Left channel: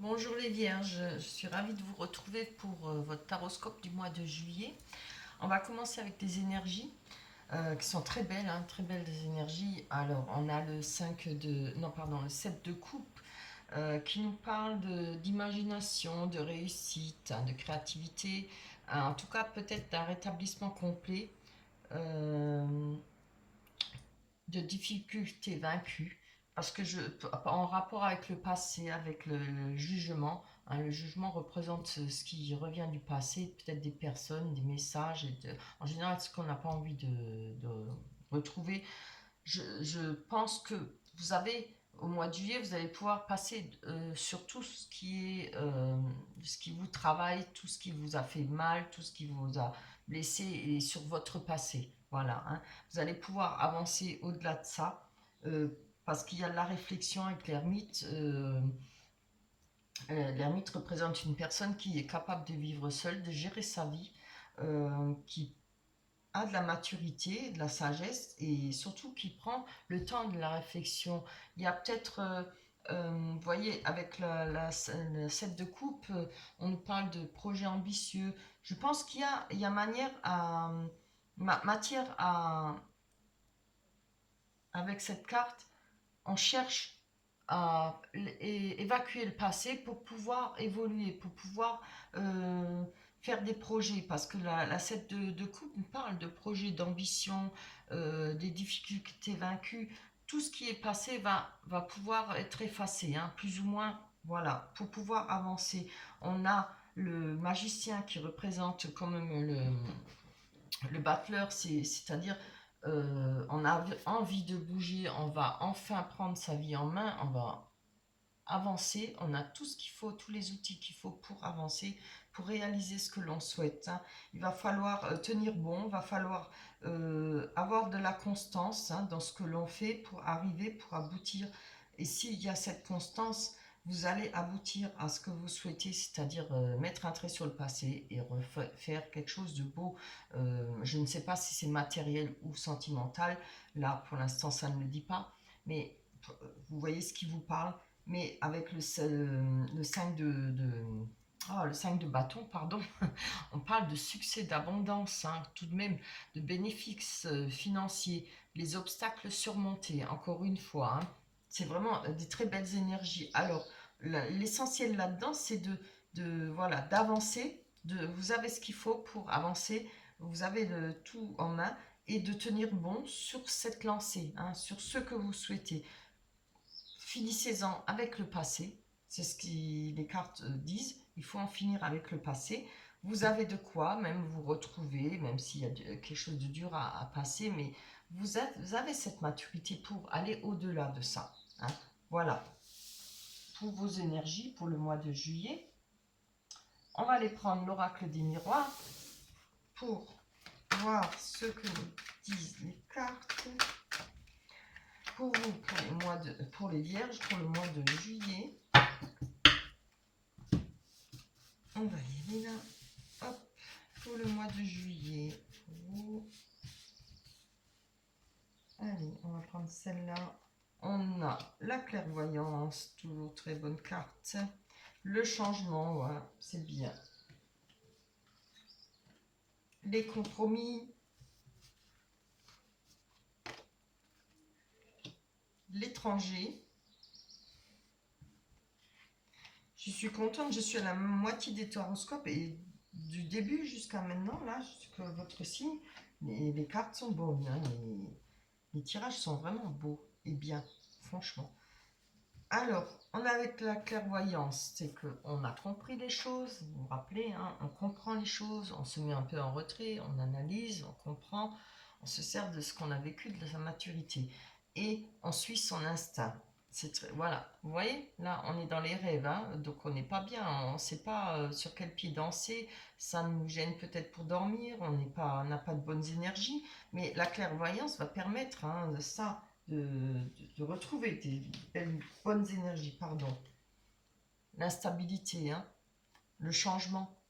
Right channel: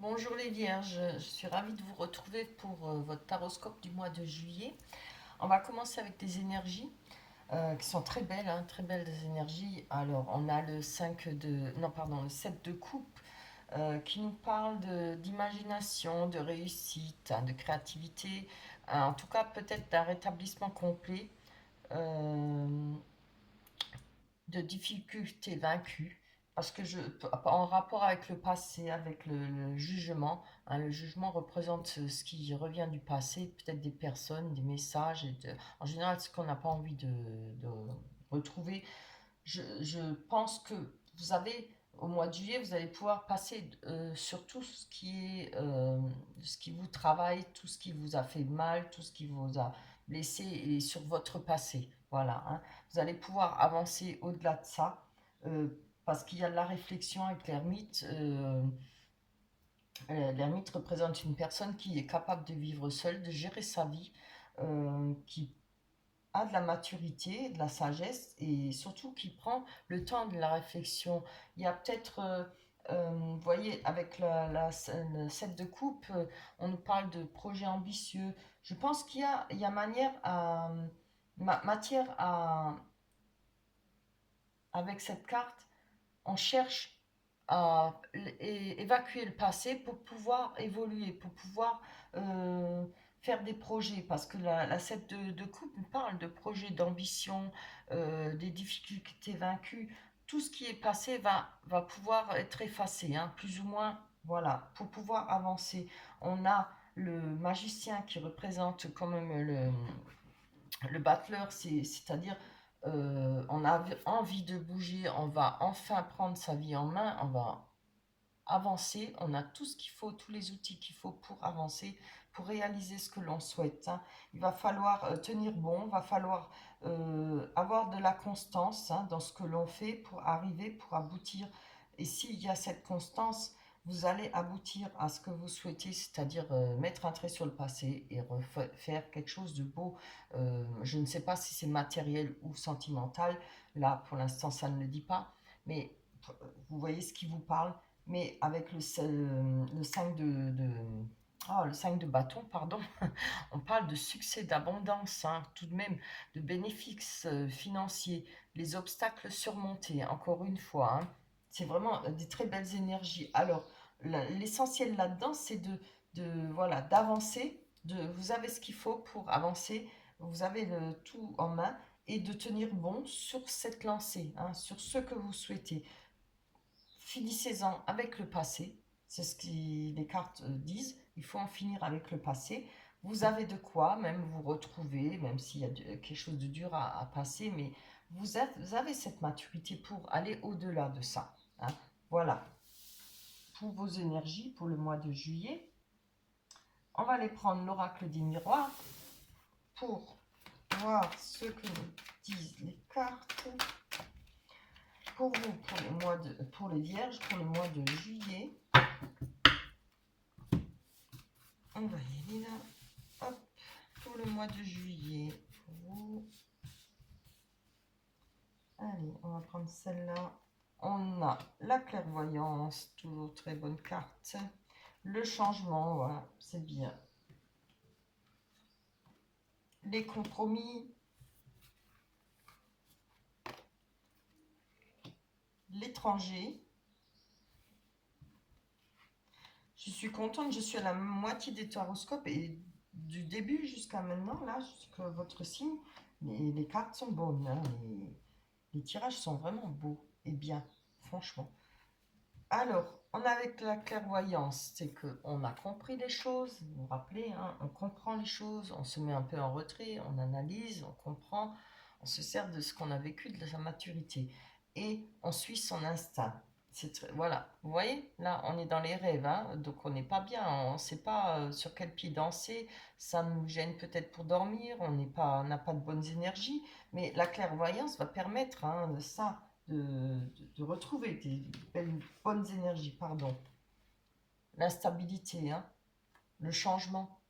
Bonjour les Vierges, je suis ravie de vous retrouver pour votre taroscope du mois de juillet. On va commencer avec des énergies qui sont très belles, hein, très belles des énergies. Alors, on a le 5 de, non pardon, le 7 de coupe qui nous parle d'imagination, de réussite, hein, de créativité, en tout cas peut-être d'un rétablissement complet, euh, de difficultés vaincues, parce que en rapport avec le passé, avec le jugement, hein, le jugement représente ce qui revient du passé, peut-être des personnes, des messages, en général ce qu'on n'a pas envie de retrouver. Je pense que vous avez, au mois de juillet, vous allez pouvoir passer sur tout ce qui vous travaille, tout ce qui vous a fait mal, tout ce qui vous a blessé et sur votre passé. Voilà, hein. Vous allez pouvoir avancer au-delà de ça euh, parce qu'il y a de la réflexion avec l'ermite. L'ermite représente une personne qui est capable de vivre seule, de gérer sa vie, qui a de la maturité, de la sagesse et surtout qui prend le temps de la réflexion. Il y a peut-être, vous voyez, avec le set de coupe, on nous parle de projets ambitieux. Je pense il y a matière à, avec cette carte, on cherche à évacuer le passé pour pouvoir évoluer, pour pouvoir euh, faire des projets. Parce que la set de coupe nous parle de projets, d'ambition, des difficultés vaincues. Tout ce qui est passé va pouvoir être effacé, hein, plus ou moins. Voilà, pour pouvoir avancer. On a le magicien qui représente quand même le battleur, c'est-à-dire on a envie de bouger, on va enfin prendre sa vie en main, on va avancer, on a tout ce qu'il faut, tous les outils qu'il faut pour avancer, pour réaliser ce que l'on souhaite, hein. Il va falloir tenir bon, il va falloir avoir de la constance, hein, dans ce que l'on fait pour arriver, pour aboutir. Et s'il y a cette constance, vous allez aboutir à ce que vous souhaitez, c'est-à-dire mettre un trait sur le passé et refaire quelque chose de beau. Je ne sais pas si c'est matériel ou sentimental, là pour l'instant ça ne le dit pas, mais vous voyez ce qui vous parle. Mais avec le 5 le 5 de bâton, pardon, on parle de succès, d'abondance, hein, tout de même, de bénéfices financiers, les obstacles surmontés, encore une fois, hein. C'est vraiment des très belles énergies. Alors, l'essentiel là-dedans, c'est voilà, d'avancer, vous avez ce qu'il faut pour avancer, vous avez le tout en main, et de tenir bon sur cette lancée, hein, sur ce que vous souhaitez. Finissez-en avec le passé, c'est ce que les cartes disent, il faut en finir avec le passé. Vous avez de quoi même vous retrouver, même s'il y a quelque chose de dur à passer, mais vous avez cette maturité pour aller au-delà de ça, hein. Voilà, pour vos énergies pour le mois de juillet. On va aller prendre l'oracle des miroirs pour voir ce que disent les cartes pour vous, pour les vierges, pour le mois de juillet. On va y aller là. Hop, pour le mois de juillet. Allez, on va prendre celle-là. On a la clairvoyance, toujours très bonne carte. Le changement, voilà, c'est bien. Les compromis. L'étranger. Je suis contente, je suis à la moitié des horoscopes et du début jusqu'à maintenant, là, jusqu'à votre signe, les cartes sont bonnes, hein, les tirages sont vraiment beaux et bien, franchement. Alors, on a avec la clairvoyance, c'est qu'on a compris les choses, vous vous rappelez, hein, on comprend les choses, on se met un peu en retrait, on analyse, on comprend, on se sert de ce qu'on a vécu, de sa maturité. Et on suit son instinct. Voilà, vous voyez, là on est dans les rêves, hein, donc on n'est pas bien, on ne sait pas sur quel pied danser, ça nous gêne peut-être pour dormir, on n'a pas de bonnes énergies, mais la clairvoyance va permettre, hein, de ça, de retrouver des bonnes énergies, pardon. L'instabilité, hein, le changement.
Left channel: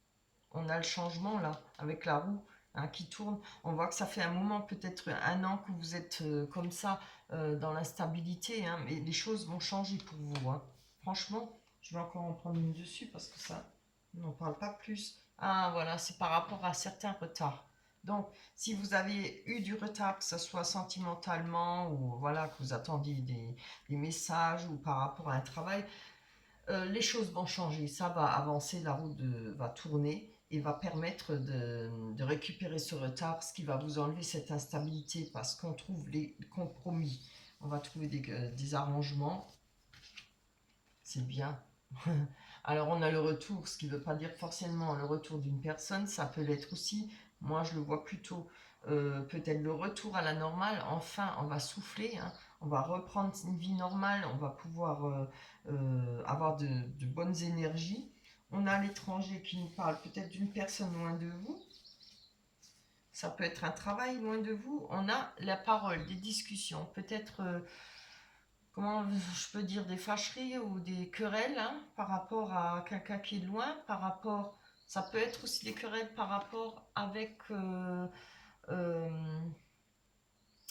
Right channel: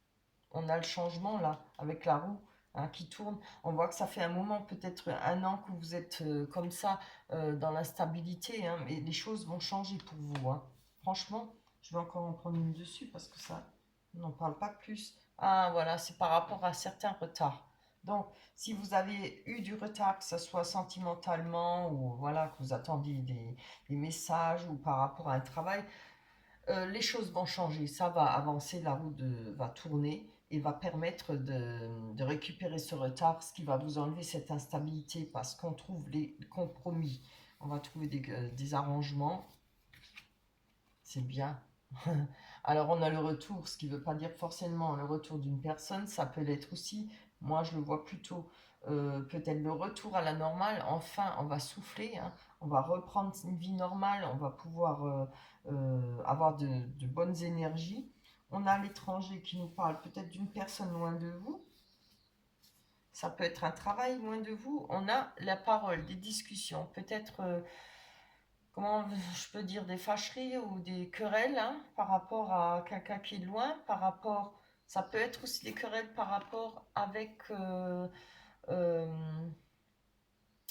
On a le changement là, avec la roue, hein, qui tourne. On voit que ça fait un moment, peut-être un an que vous êtes comme ça, dans l'instabilité, hein, mais les choses vont changer pour vous, hein. Franchement, Je vais encore en prendre une dessus parce que ça n'en parle pas plus. Ah, voilà, c'est par rapport à certains retards. Donc, si vous avez eu du retard, que ce soit sentimentalement ou voilà, que vous attendiez des messages ou par rapport à un travail, les choses vont changer. Ça va avancer, la roue va tourner et va permettre de récupérer ce retard, ce qui va vous enlever cette instabilité parce qu'on trouve les compromis. On va trouver des arrangements. C'est bien. Alors on a le retour, ce qui ne veut pas dire forcément le retour d'une personne, ça peut l'être aussi. Moi je le vois plutôt peut-être le retour à la normale. Enfin on va souffler, hein. On va reprendre une vie normale, on va pouvoir avoir de bonnes énergies. On a l'étranger qui nous parle peut-être d'une personne loin de vous. Ça peut être un travail loin de vous. On a la parole, des discussions, peut-être comment je peux dire, des fâcheries ou des querelles, hein, par rapport à quelqu'un qui est loin, par rapport, ça peut être aussi des querelles par rapport avec euh,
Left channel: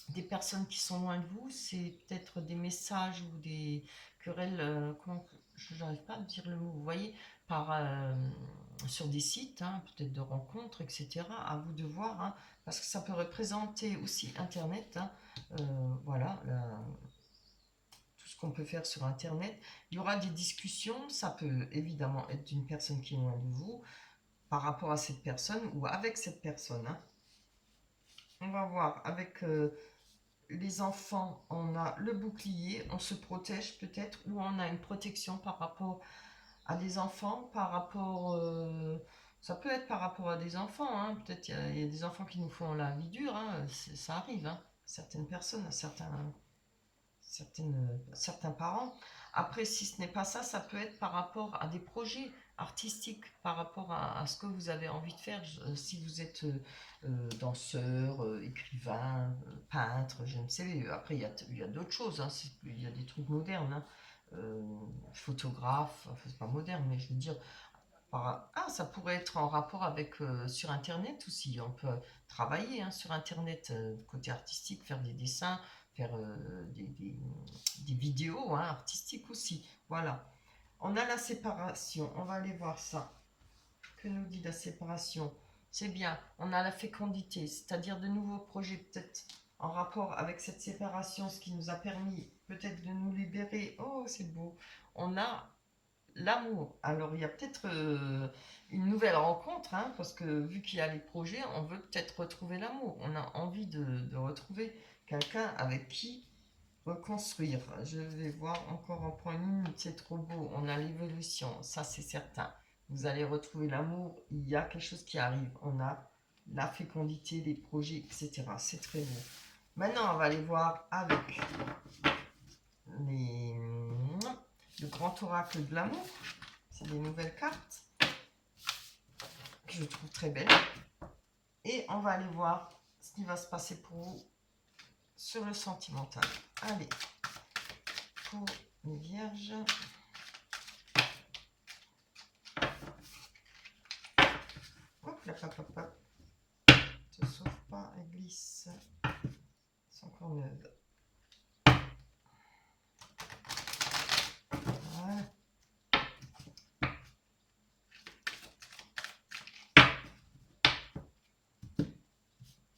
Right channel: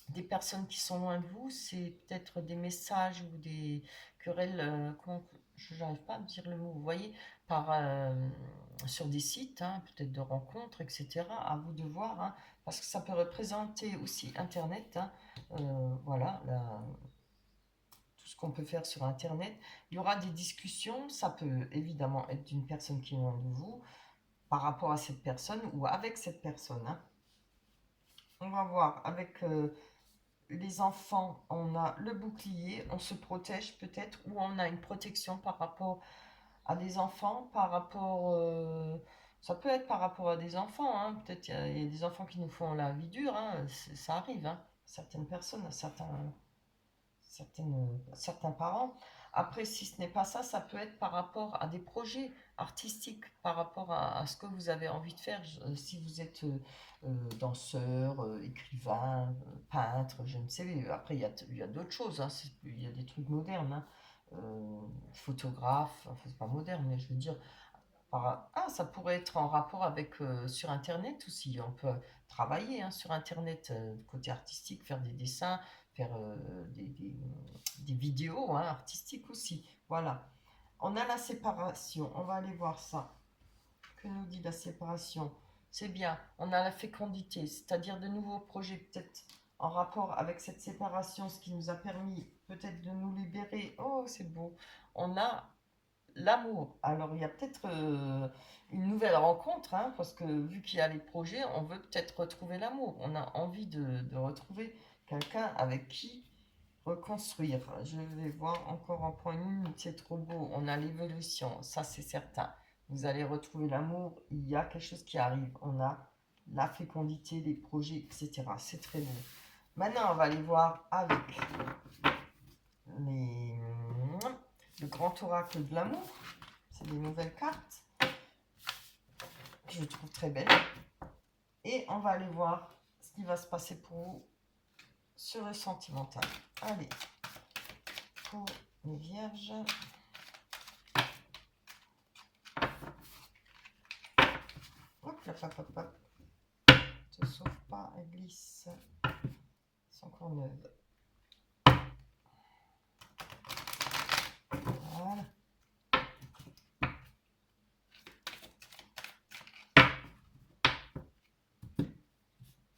des personnes qui sont loin de vous, c'est peut-être des messages ou des querelles, comment, je n'arrive pas à dire le mot, vous voyez, sur des sites, hein, peut-être de rencontres, etc. À vous de voir, hein, parce que ça peut représenter aussi Internet, hein, voilà, tout ce qu'on peut faire sur Internet. Il y aura des discussions, ça peut évidemment être d'une personne qui est loin de vous, par rapport à cette personne ou avec cette personne, hein. On va voir avec les enfants, on a le bouclier, on se protège peut-être, ou on a une protection par rapport à des enfants, par rapport... ça peut être par rapport à des enfants, hein. Peut-être il y a des enfants qui nous font la vie dure, hein. Ça arrive, hein. Certaines personnes, certains parents. Après, si ce n'est pas ça, ça peut être par rapport à des projets artistiques, par rapport à ce que vous avez envie de faire. Si vous êtes danseur, écrivain, peintre, je ne sais. Après, il y a d'autres choses, hein, il y a des trucs modernes, hein. Photographe, enfin, c'est pas moderne, mais je veux dire, ça pourrait être en rapport avec sur Internet aussi. On peut travailler, hein, sur Internet, côté artistique, faire des dessins, faire des vidéos, hein, artistiques aussi. Voilà. On a la séparation. On va aller voir ça. Que nous dit la séparation? C'est bien. On a la fécondité, c'est-à-dire de nouveaux projets peut-être en rapport avec cette séparation, ce qui nous a permis peut-être de nous libérer. Oh, c'est beau. On a l'amour. Alors, il y a peut-être une nouvelle rencontre, hein, parce que vu qu'il y a les projets, on veut peut-être retrouver l'amour. On a envie de retrouver quelqu'un avec qui reconstruire. Je vais voir encore en point une, c'est trop beau. On a l'évolution, ça c'est certain. Vous allez retrouver l'amour, il y a quelque chose qui arrive. On a la fécondité, les projets, etc. C'est très beau. Maintenant, on va aller voir avec les le grand oracle de l'amour. C'est des nouvelles cartes que je trouve très belles. Et on va aller voir ce qui va se passer pour vous sur le sentimental. Allez, pour les vierges. Hop, la papa. Ne se sauve pas, elle glisse. C'est encore neuve. Voilà.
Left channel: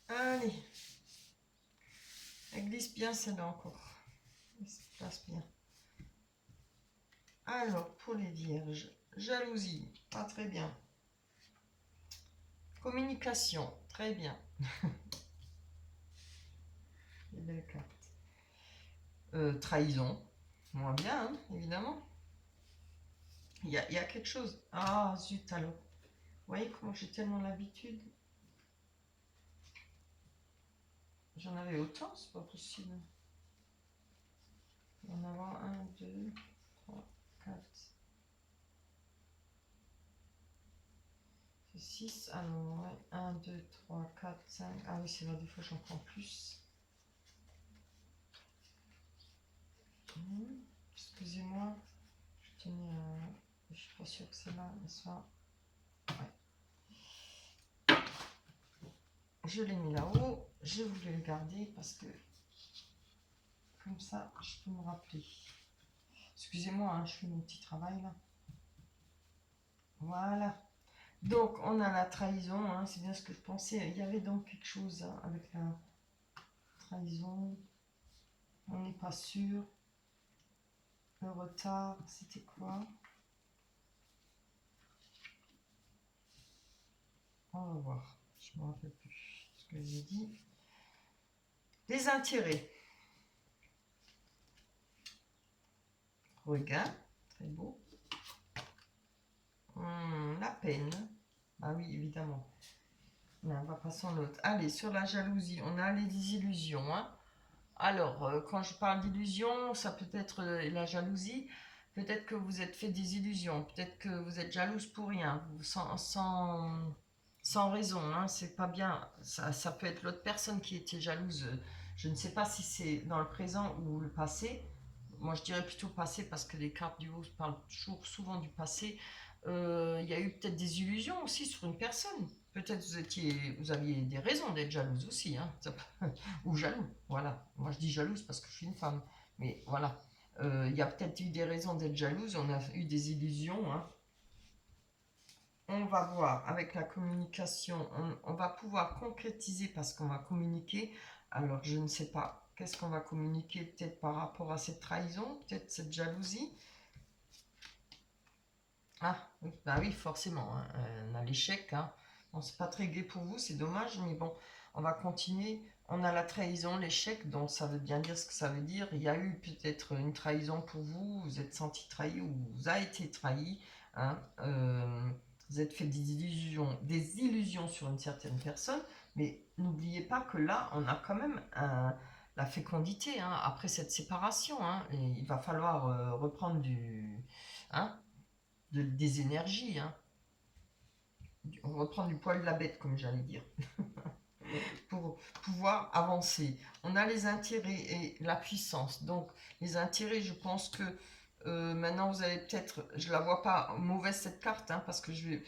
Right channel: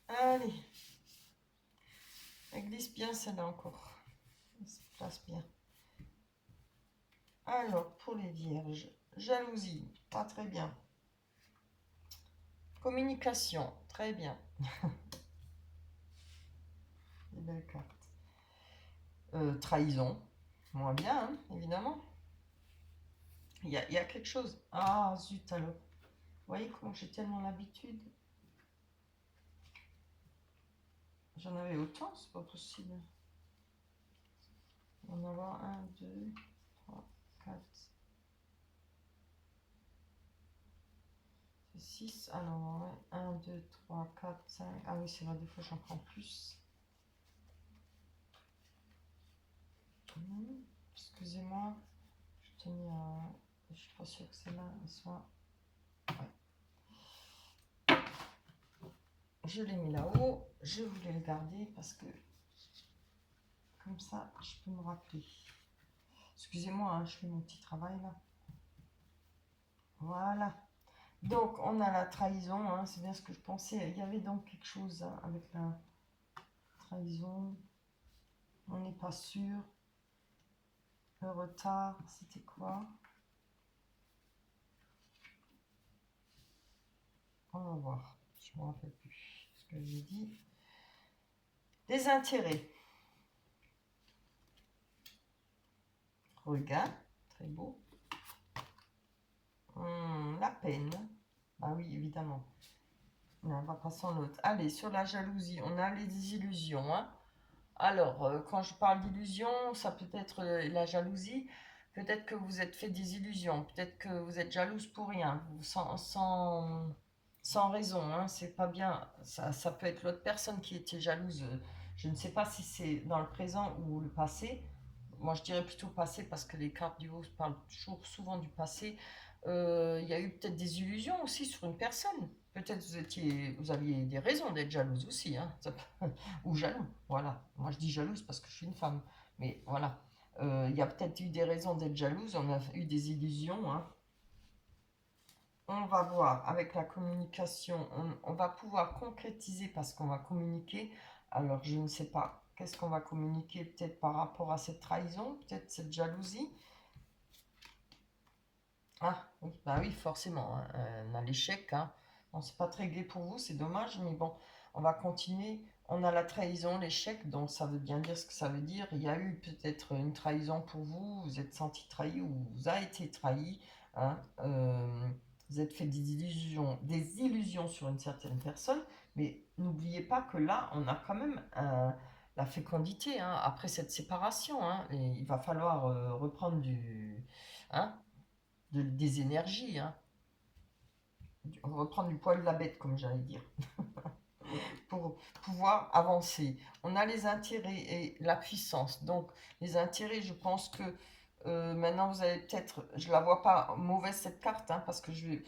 Allez. Elle glisse bien celle-là encore. Elle se place bien. Alors, pour les vierges, jalousie, pas très bien. Communication, très bien. Les belles cartes. Trahison, moins bien, hein, évidemment. Il y a quelque chose. Ah, zut alors. Vous voyez comment j'ai tellement l'habitude. J'en avais autant, c'est pas possible. Il va en avoir 1, 2, 3, 4. C'est 6. Alors, ouais. 1, 2, 3, 4, 5. Ah oui, c'est vrai, des fois j'en prends plus. Excusez-moi. Je tenais à. Je suis pas sûre que celle-là soit. Ouais. Je l'ai mis là-haut. Je voulais le garder parce que. Comme ça, je peux me rappeler. Excusez-moi, hein, je fais mon petit travail là. Voilà. Donc, on a la trahison, hein, c'est bien ce que je pensais. Il y avait donc quelque chose hein, avec la trahison. On n'est pas sûr. Le retard, c'était quoi? On va voir. Je ne me rappelle plus ce que j'ai dit. Des intérêts. Regain, très beau. La peine. Ah oui, évidemment. Mais on va passer en l'autre. Allez, sur la jalousie, on a les illusions. Hein. Alors, quand je parle d'illusions, ça peut être la jalousie. Peut-être que vous êtes fait des illusions. Peut-être que vous êtes jalouse pour rien, sans raison. Hein, c'est pas bien. Ça peut être l'autre personne qui était jalouse. Je ne sais pas si c'est dans le présent ou le passé. Moi, je dirais plutôt passé parce que les cartes du haut parlent toujours souvent du passé. Il y a eu peut-être des illusions aussi sur une personne. Peut-être vous aviez des raisons d'être jalouse aussi, hein, ou jaloux. Voilà. Moi, je dis jalouse parce que je suis une femme. Mais voilà. Il y a peut-être eu des raisons d'être jalouse. On a eu des illusions. Hein. On va voir avec la communication. On va pouvoir concrétiser parce qu'on va communiquer. Alors, je ne sais pas. Qu'est-ce qu'on va communiquer peut-être par rapport à cette trahison, peut-être cette jalousie. Ah, oui, bah oui, forcément. Hein. On a l'échec. Hein. Bon, c'est pas très gai pour vous, c'est dommage, mais bon, on va continuer. On a la trahison, l'échec, donc ça veut bien dire ce que ça veut dire. Il y a eu peut-être une trahison pour vous, vous êtes senti trahi ou vous avez été trahi. Hein. Vous êtes fait des illusions sur une certaine personne, mais n'oubliez pas que là, on a quand même la fécondité hein, après cette séparation. Hein, et il va falloir reprendre hein, des énergies, hein. Reprendre du poil de la bête, comme j'allais dire, pour pouvoir avancer. On a les intérêts et la puissance. Donc, les intérêts, je pense que maintenant, vous allez peut-être, je la vois pas mauvaise cette carte, hein, parce que je vais,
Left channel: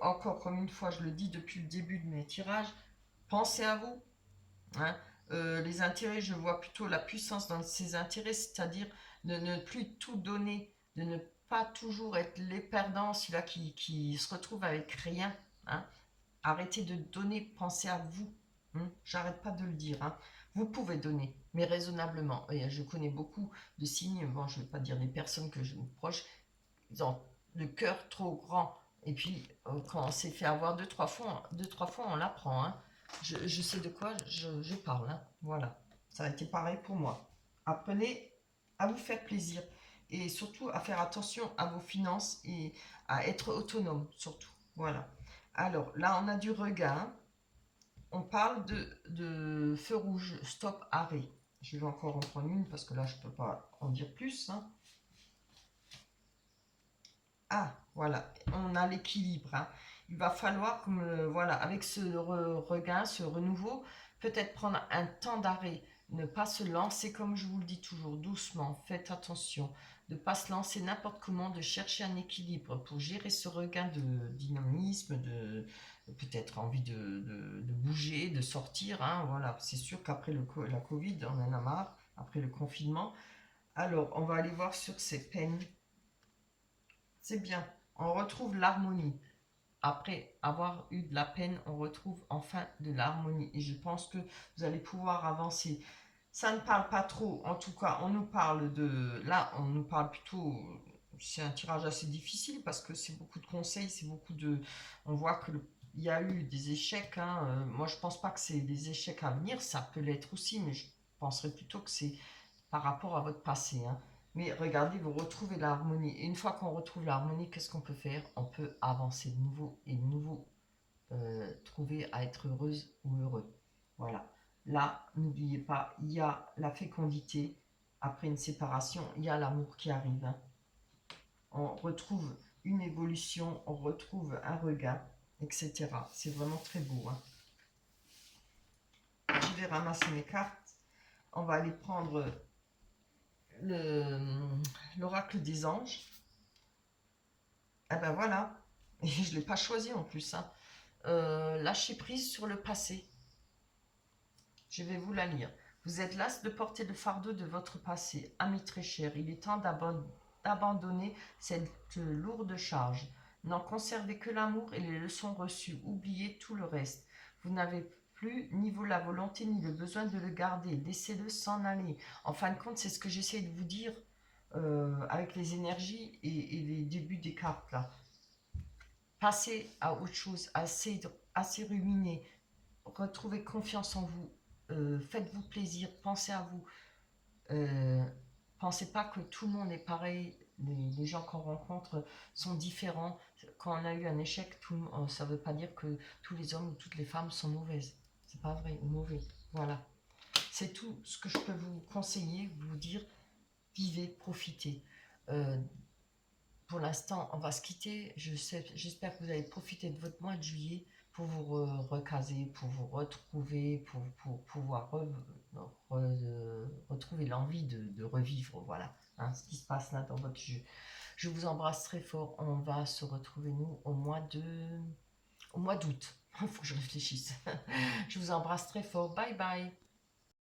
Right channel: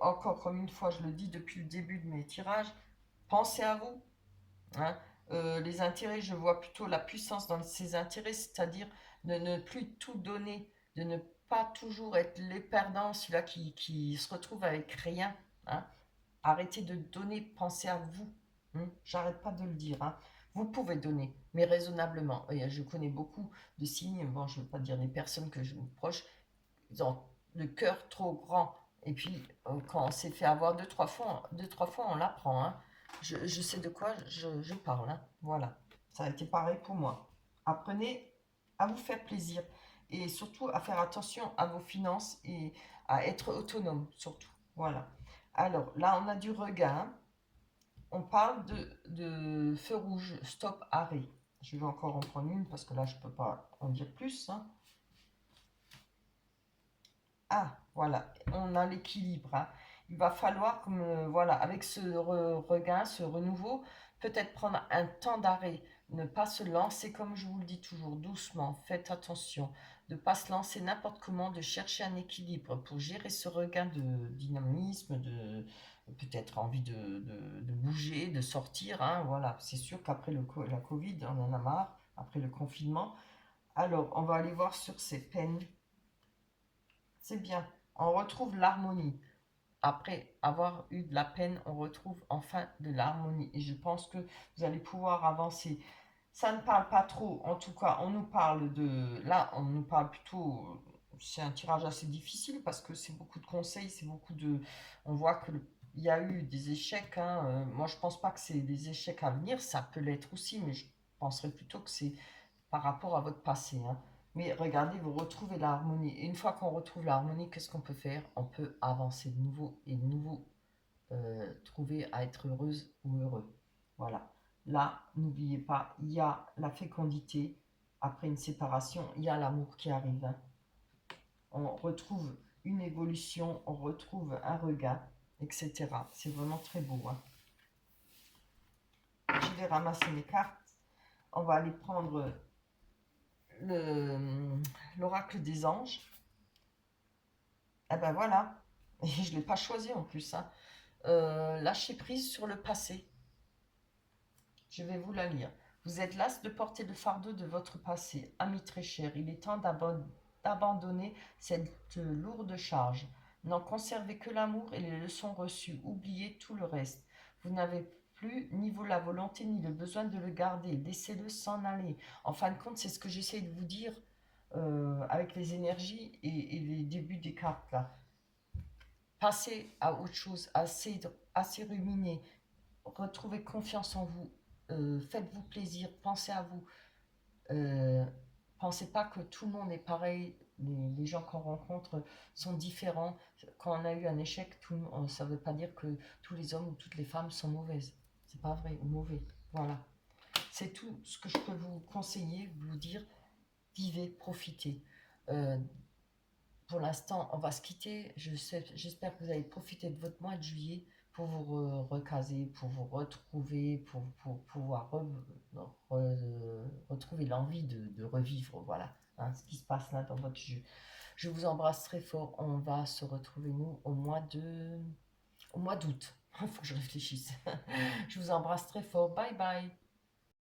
encore comme une fois, je le dis depuis le début de mes tirages, pensez à vous. Hein. Les intérêts, je vois plutôt la puissance dans ces intérêts, c'est-à-dire de ne plus tout donner, de ne pas toujours être les perdants, celui-là qui se retrouve avec rien. Hein. Arrêtez de donner, pensez à vous. Hein. J'arrête pas de le dire. Hein. Vous pouvez donner, mais raisonnablement. Et je connais beaucoup de signes, bon, je ne vais pas dire des personnes que je me proche, ils ont le cœur trop grand. Et puis, quand on s'est fait avoir deux, trois fois, on l'apprend. Hein. Je sais de quoi je parle. Hein. Voilà. Ça a été pareil pour moi. Apprenez à vous faire plaisir et surtout à faire attention à vos finances et à être autonome, surtout. Voilà. Alors, là, on a du regain. On parle de feu rouge, stop, arrêt. Je vais encore en prendre une parce que là, je ne peux pas en dire plus. Hein. Ah, voilà, on a l'équilibre. Hein. Il va falloir, comme, voilà, avec ce regain, ce renouveau, peut-être prendre un temps d'arrêt, ne pas se lancer, comme je vous le dis toujours, doucement, faites attention, de ne pas se lancer n'importe comment, de chercher un équilibre pour gérer ce regain de dynamisme, de peut-être envie de bouger, de sortir. Hein, voilà, c'est sûr qu'après la Covid, on en a marre, après le confinement. Alors, on va aller voir sur ces peines. C'est bien, on retrouve l'harmonie. Après avoir eu de la peine, on retrouve enfin de l'harmonie. Et je pense que vous allez pouvoir avancer. Ça ne parle pas trop, en tout cas, on nous parle de... Là, on nous parle plutôt... C'est un tirage assez difficile parce que c'est beaucoup de conseils, c'est beaucoup de... On voit que il y a eu des échecs. Hein. Moi, je pense pas que c'est des échecs à venir. Ça peut l'être aussi, mais je penserais plutôt que c'est par rapport à votre passé. Hein. Mais regardez, vous retrouvez l'harmonie. Et une fois qu'on retrouve l'harmonie, qu'est-ce qu'on peut faire? On peut avancer de nouveau et de nouveau trouver à être heureuse ou heureux. Voilà. Là, n'oubliez pas, il y a la fécondité. Après une séparation, il y a l'amour qui arrive. Hein. On retrouve une évolution, on retrouve un regain, etc. C'est vraiment très beau. Hein. Je vais ramasser mes cartes. On va aller prendre l'oracle des anges. Ah ben voilà, et je ne l'ai pas choisi en plus. Hein. Lâcher prise sur le passé. Je vais vous la lire. Vous êtes las de porter le fardeau de votre passé. Ami très cher, il est temps d'abandonner cette lourde charge. N'en conservez que l'amour et les leçons reçues. Oubliez tout le reste. Vous n'avez plus ni vous la volonté ni le besoin de le garder. Laissez-le s'en aller. En fin de compte, c'est ce que j'essaie de vous dire avec les énergies et les débuts des cartes là. Passez à autre chose, assez ruminer, retrouvez confiance en vous, faites-vous plaisir, pensez à vous. Euh, Pensez pas que tout le monde est pareil, les gens qu'on rencontre sont différents. Quand on a eu un échec, ça ne veut pas dire que tous les hommes ou toutes les femmes sont mauvaises. C'est pas vrai, ou mauvais. Voilà. C'est tout ce que je peux vous conseiller, vous dire, vivez, profitez. Euh, pour l'instant, on va se quitter. J'espère que vous allez profiter de votre mois de juillet pour vous recaser, pour vous retrouver, pour pouvoir retrouver l'envie de revivre, voilà, hein, ce qui se passe là dans votre jeu. Je vous embrasse très fort. On va se retrouver, nous, au mois d'août. Il faut que je réfléchisse. Je vous embrasse très fort. Bye bye.